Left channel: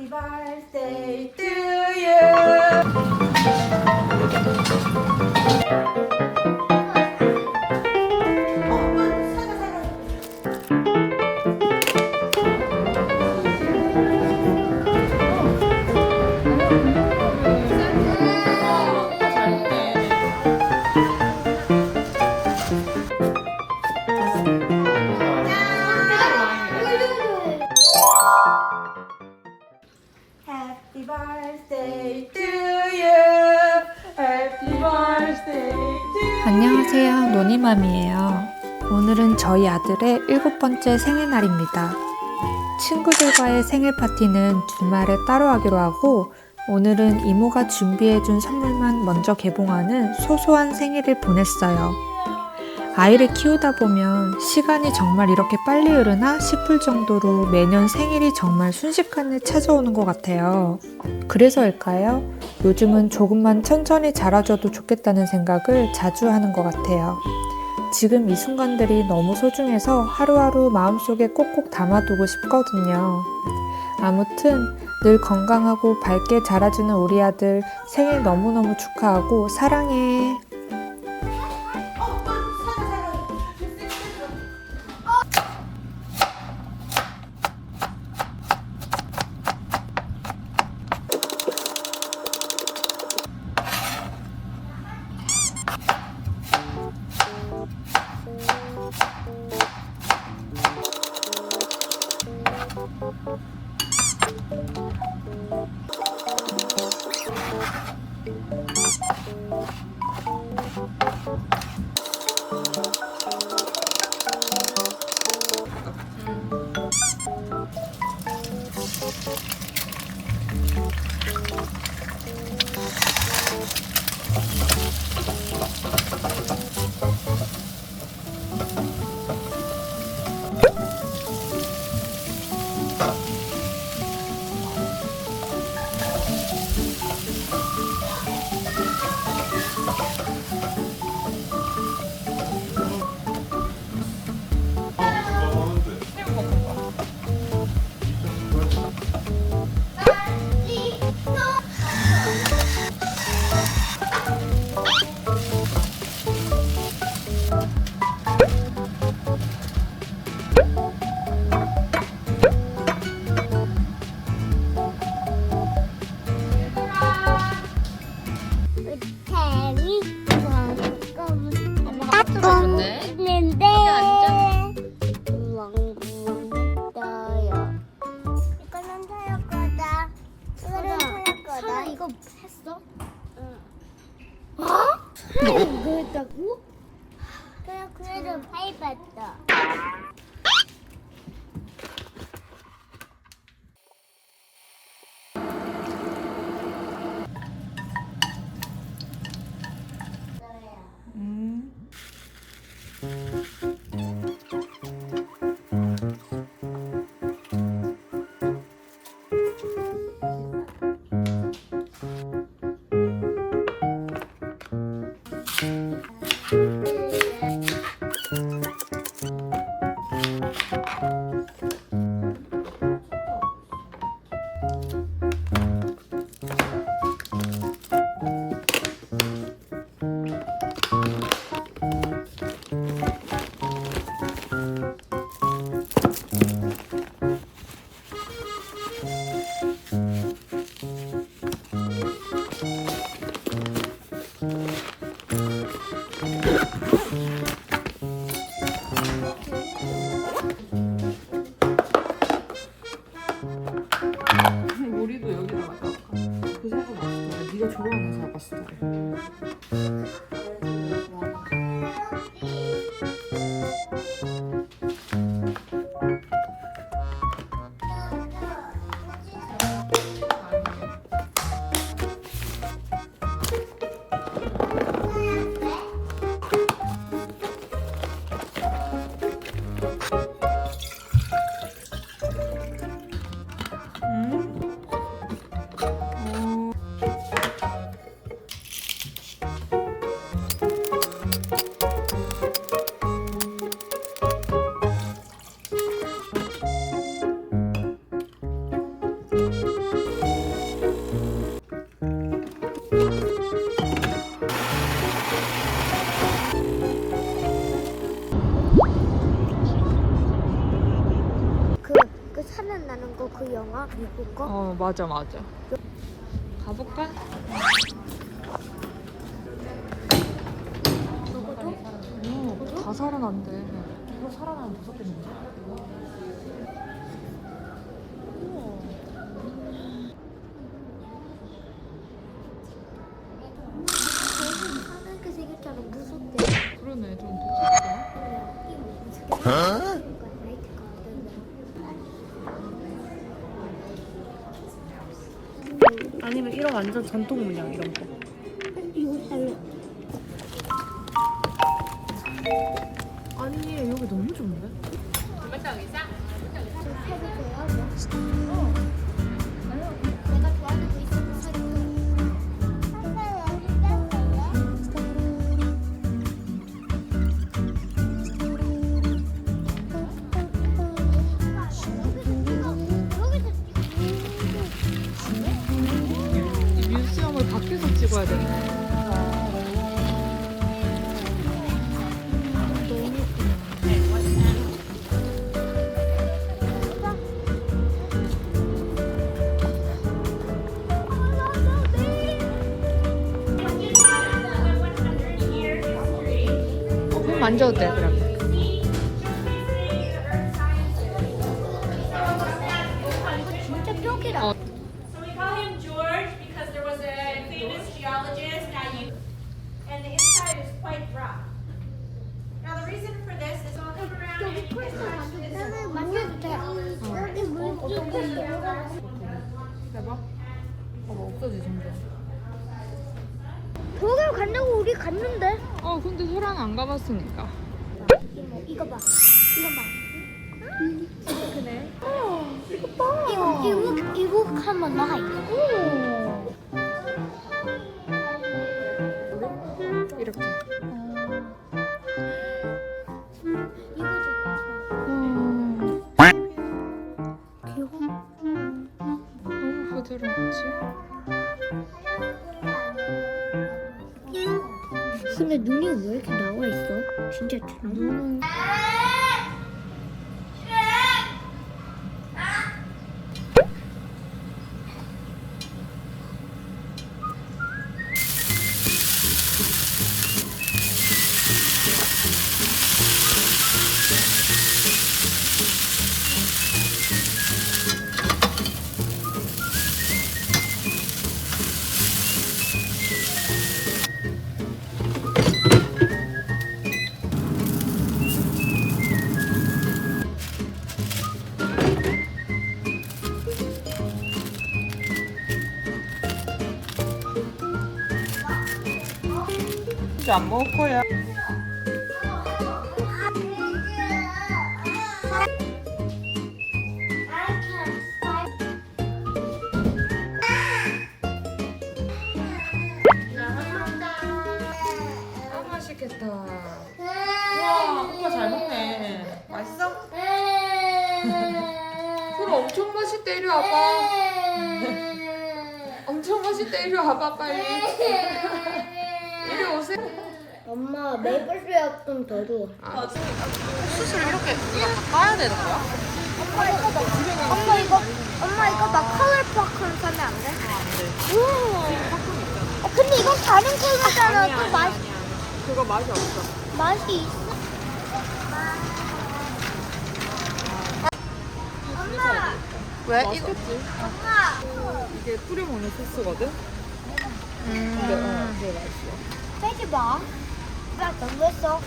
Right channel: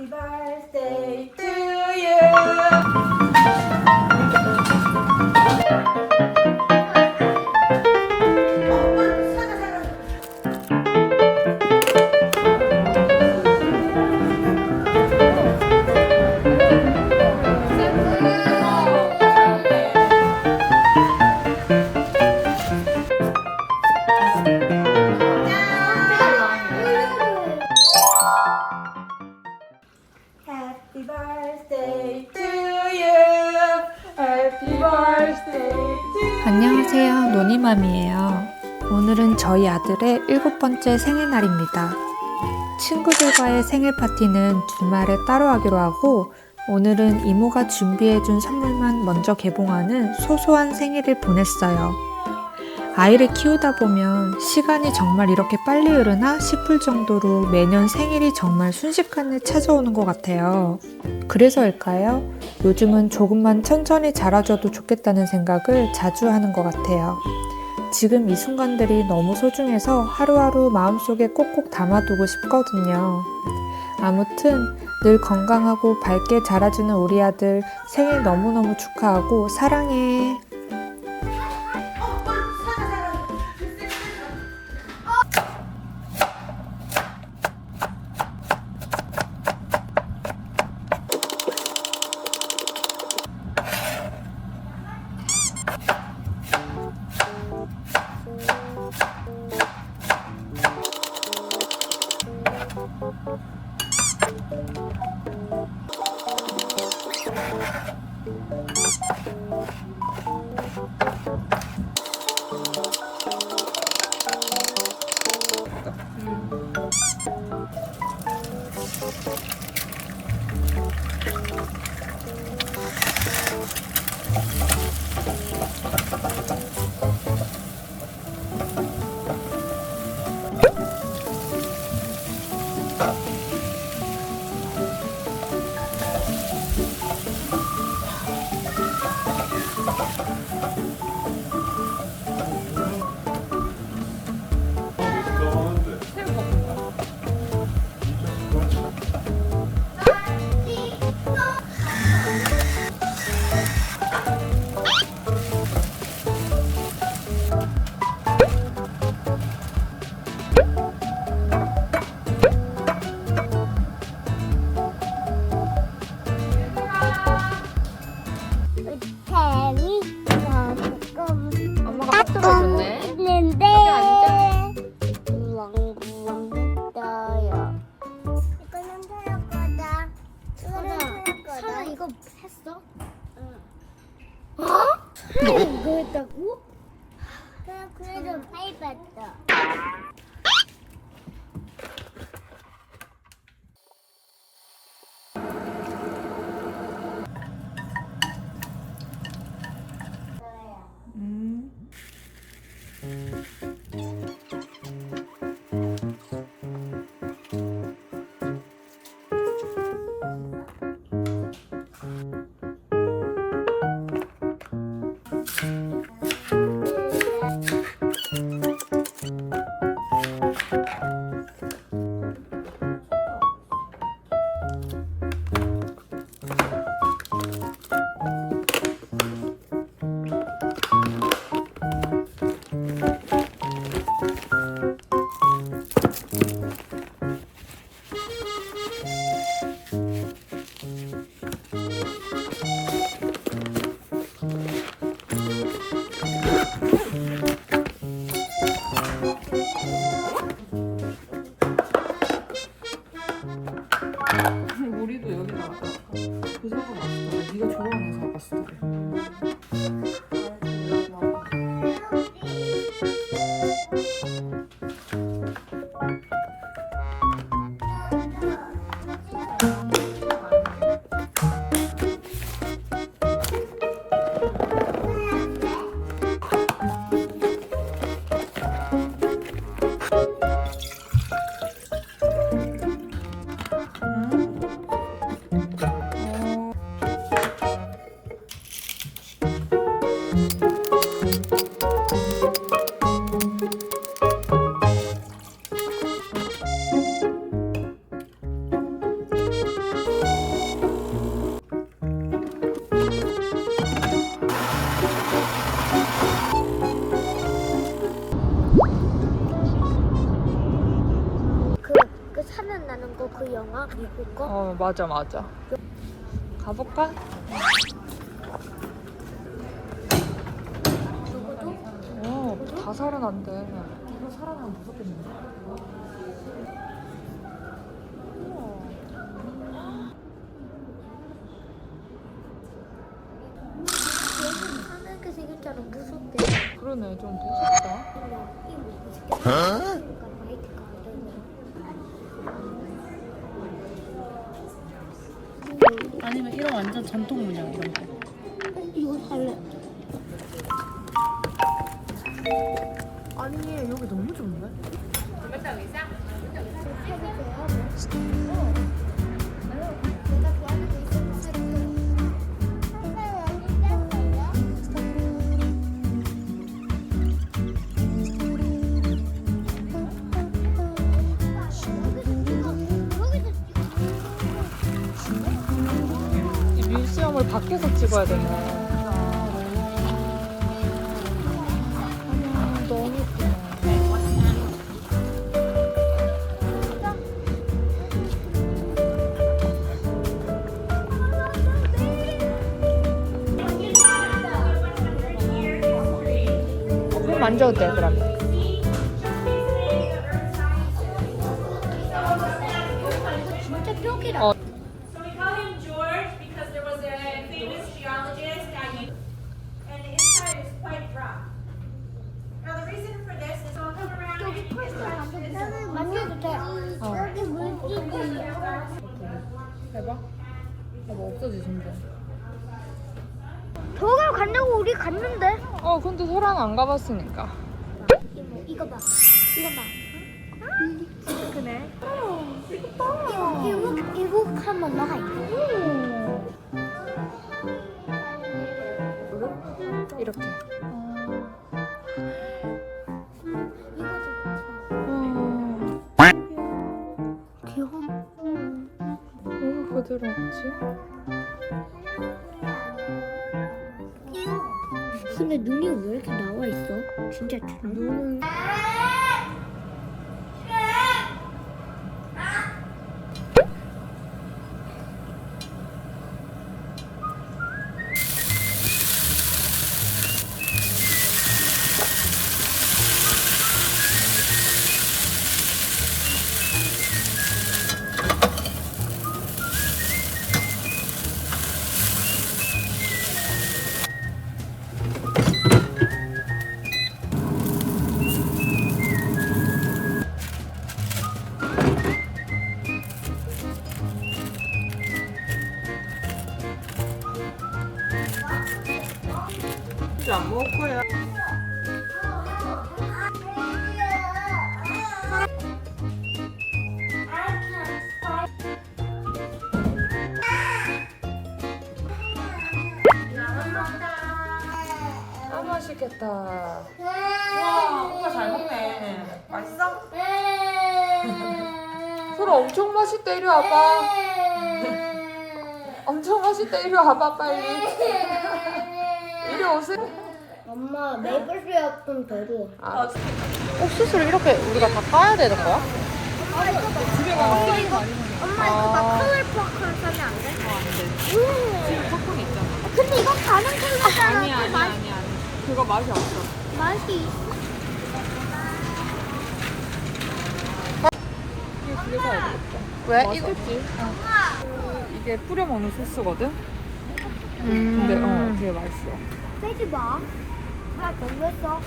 Happy birthday to you. Happy birthday to you. Happy birthday to you. 안녕하세요, 노니맘이에요. 오늘은 저희 아들의 7번째 생일날입니다. 친구들과의 생일 파티는 주말에 따로 하기로 하고, 오늘은 이모가 준비해준 선물만 먼저 개봉하는 소소한 생일을 보냈어요. 아이를 키우다 보면 시간이 정말 이렇게 빨리 흐르나 싶을 정도로 매년 생일이 정말 순식간에 찾아오는 것 같아요. 그래서일까요? 요즘은 조금만 천천히 자라줘도 좋겠다는 생각을 자주 하는 것 같아요. 지금 이 순간들이 너무 소중해서 하루하루 마음속에 꼭꼭 담아두고 싶거든요. 아무튼 늘 건강하고 밝게 자라주는 우리 아들 생일 너무너무 축하하고 사랑해. 따끔 있는데 구렁구렁 했어요. 이거는 타할 거다. 이거는 타할 거다. 사나 이거 했어? 이거 했다고? 그냥 그래도 해봤다. 우리도 여기다가 사갈까? 그 사과 맛있어. 네가 좋아하는 사과 스타일. 미국 거? 어, 맞아. 가볼까? 다 살아난대. 이거 살아나면 무섭겠는데? 하늘색 생겼잖아. 무섭대. 그러네, 좀 무섭다. 아니면 이런 완전 전통 문양 이런 거. 이거 살래. 아니, 여기 너무 좋은데? 내가 좋아하는 거 있으면 이 뮤지엄을 밖에서 찍어야 되네. 너무 예쁘네. 그럼 만져도 돼, 그럼. 진짜 뼈기다. 어. So we call him George because there was a famous geologist, and the inside is quite rough. Now the reason for this is I'll come around and 나는 만져도 돼. 여기 물기이야. 해봐. 봐봐, 없어지신대. 저걸 간다고 우리 갔는데. 근데 소랑 안 가봤으니까. 이거 봐. 이거 봐. 이거 계곡 한번 나가 있어. 이렇게. 너무 부드럽지? 근데 눈이 왜 이렇게 나와 있어? 진짜처럼. 이제 안 먹을 거야. 아, 맛있겠다. 와, 엄마 잘 먹네. 맛있어? 소라 엄청 맛있대. 이리 와봐. 엄청 맛있대. 이리 와봐, 빨리. 이리 오세요. 엄마 메이플 시럽 좀 더 줘. 옥수수를 이렇게 우리가 다 까야 되는 거야? 엄마 이거 나 컬러풀 사면 안 돼? 근데 이거 다른 케이크잖아. 또 그거 맛이 없어. 맛이 있어. 왜? 맛있겠지? 이게 뿌려 먹는 소스거든? 근데 이게 맛있어. 빼지 마. 나 넘겼어.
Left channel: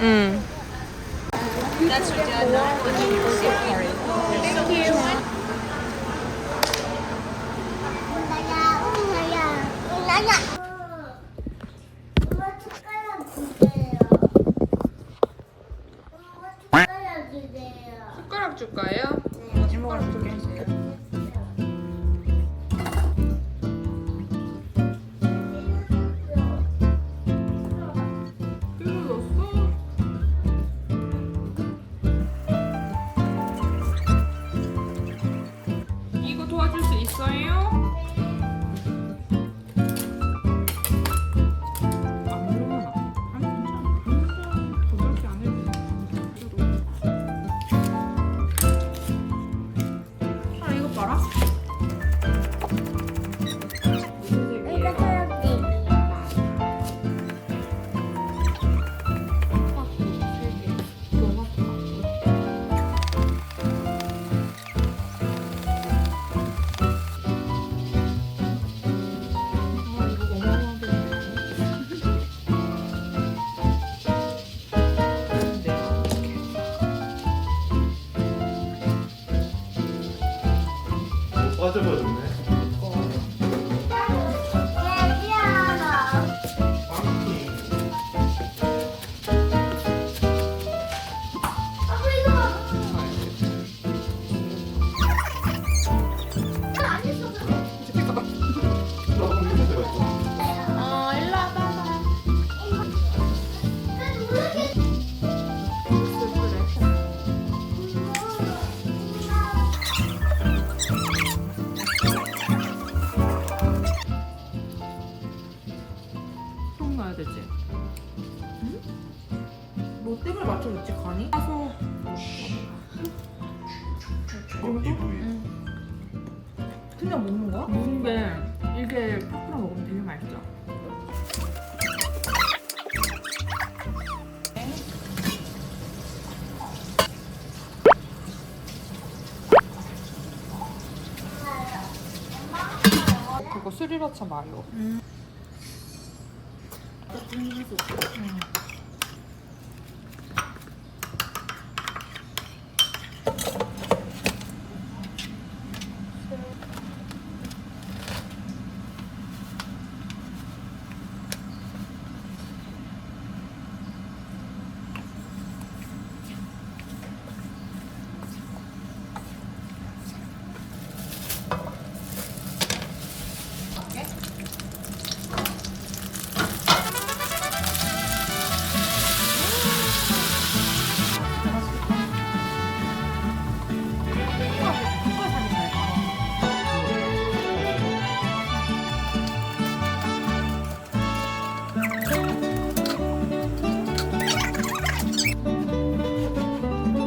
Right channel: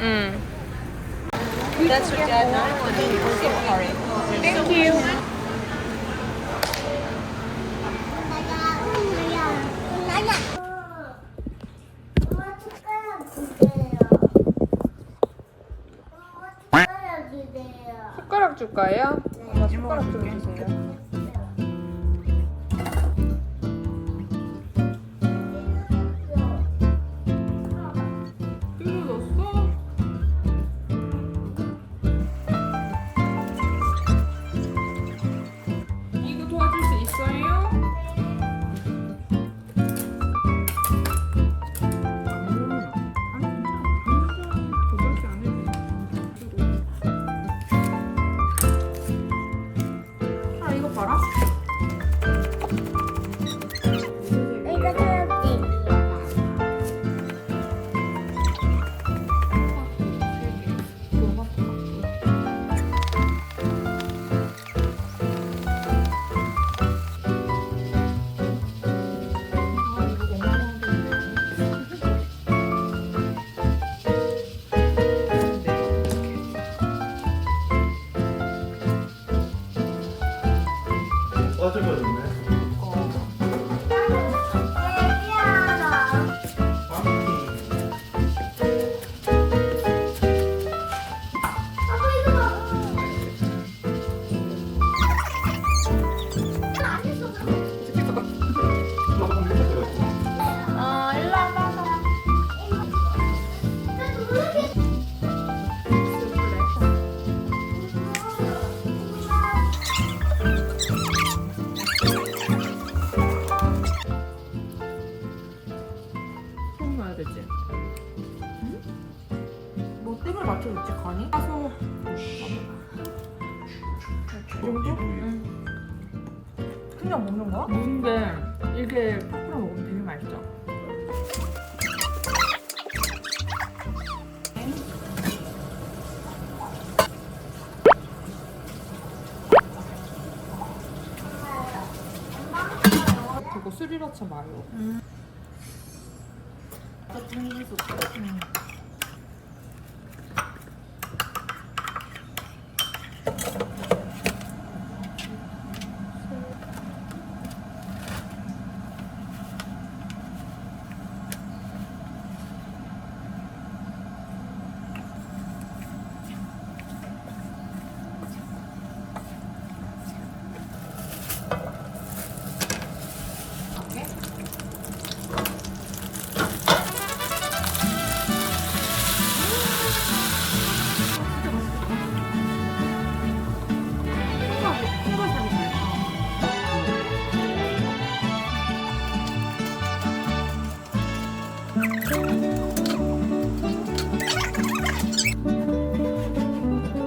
응. 엄마 숟가락 주세요. 엄마 숟가락 주세요. 숟가락 줄 거예요? 네. 숟가락 줄게. 이거 도와줄 수 있어요? 안 물어나. 아니 괜찮아. 그렇게 안 해도 돼. 빠져버렸네. 좀 넣어야 되지. 뭐 뜸을 맞춰줬지 간이? 가서 그냥 먹는 거야? 무인데 이게 팝으로 먹으면 되게 맛있죠. 그거 스리라차 마요.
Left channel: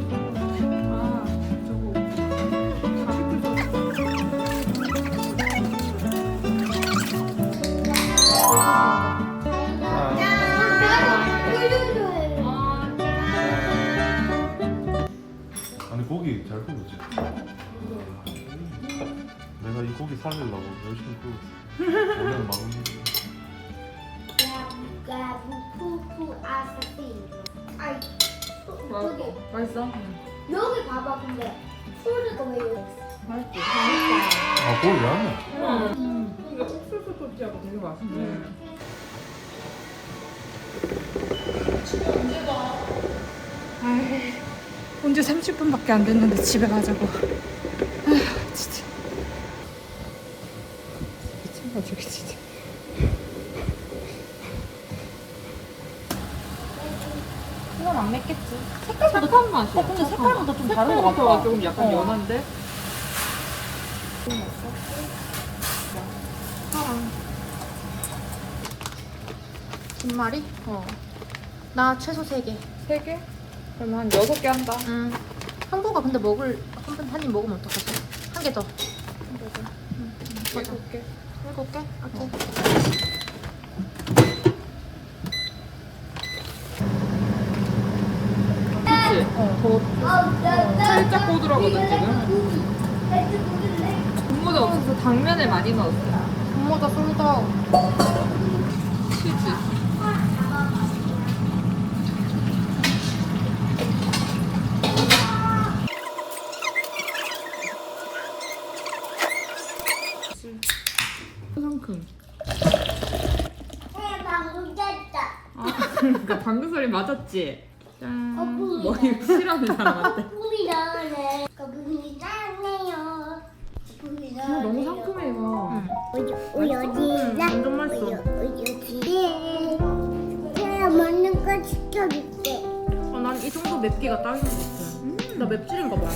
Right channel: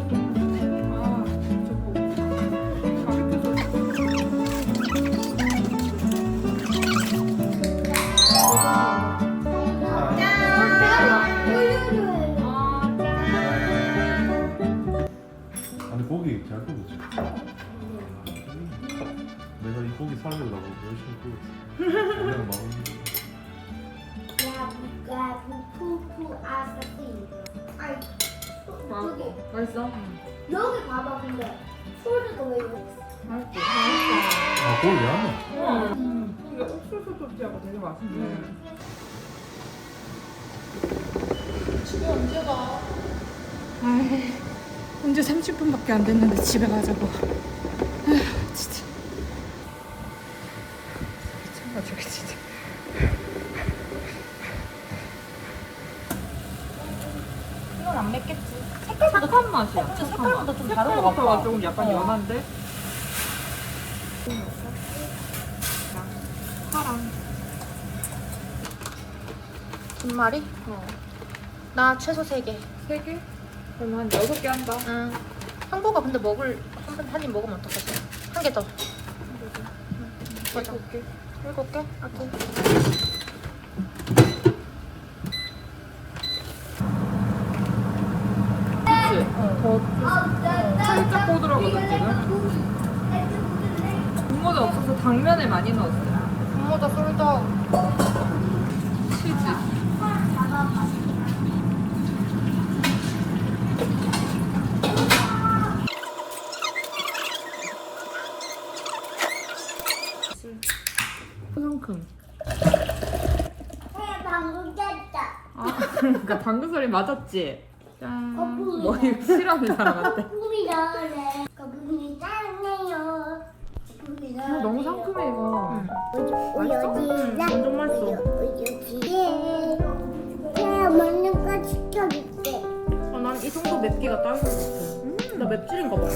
아, 저거 가격도 아니 고기 잘 구웠지. 내가 이 고기 살리려고 열심히 구웠어. 오늘 맛없는데. 저기 맛있어? 여기 봐봐. 근데 소리가 왜 이래? 맛있지. 아 고기 왜 하냐? 이게 옥수수 소스하고 되게 맛있네. 아유, 언제 30분밖에 안 됐는데 집에 가자고. 아휴, 진짜. 미쳐가지고 진짜. 이건 안 맵겠지. 착한 맛이야. 근데 색깔보다 좀 다른 것 색깔부터가 같아. 조금 약간 연한데? 김말이? 나 최소 3개. 3개? 그럼 한 6개 한다. 응. 형부가 근데 한 입 먹으면 어떡하지? 한 개 더. 보자. 7개. 7개? 오케이. 그치? 더 살짝 꼬들하거든, 지금. 분모자 없어서 당면을 많이 넣었어. 분모자 술도. 치즈. 상큼. 방금 깼다. 아, 그러니까 방금 소리 맞았지? 짠. 뭐 이거 싫어하는 사람한테. 거품이 나네. 거품이 나네요. 거품이 나네요. 너무 상큼해 이거. 완전 맛있어. 제가 먹는 거 시켜줄게. 난 이 정도 맵기가 딱인 것 같아. 나 맵찔인가 봐.